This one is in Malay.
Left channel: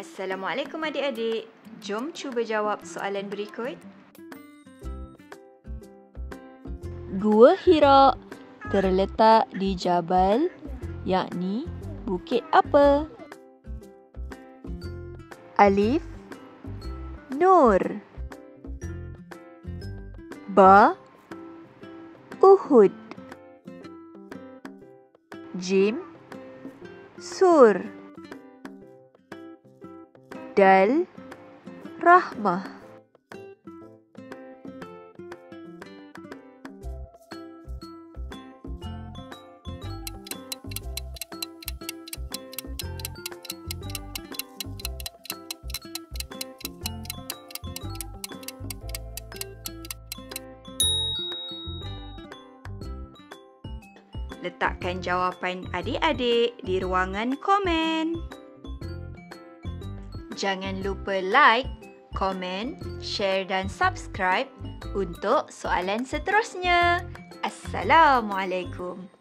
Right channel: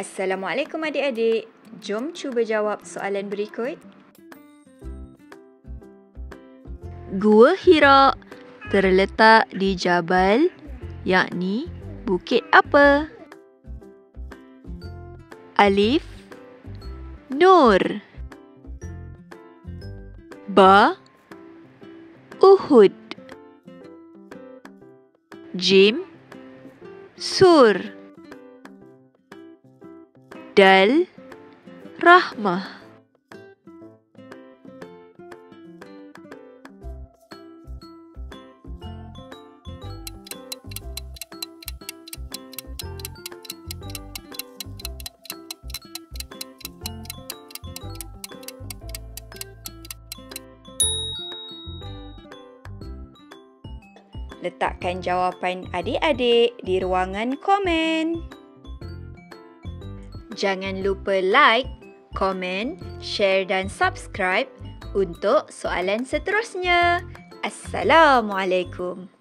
Assalamualaikum adik-adik. Jom cuba jawab soalan berikut. Gua Hira terletak di Jabal, yakni bukit apa? Alif, Nur. Ba, Uhud. Jim, Sur. Dal, Rahmah. Letakkan jawapan adik-adik di ruangan komen. Jangan lupa like, komen, share dan subscribe untuk soalan seterusnya. Assalamualaikum.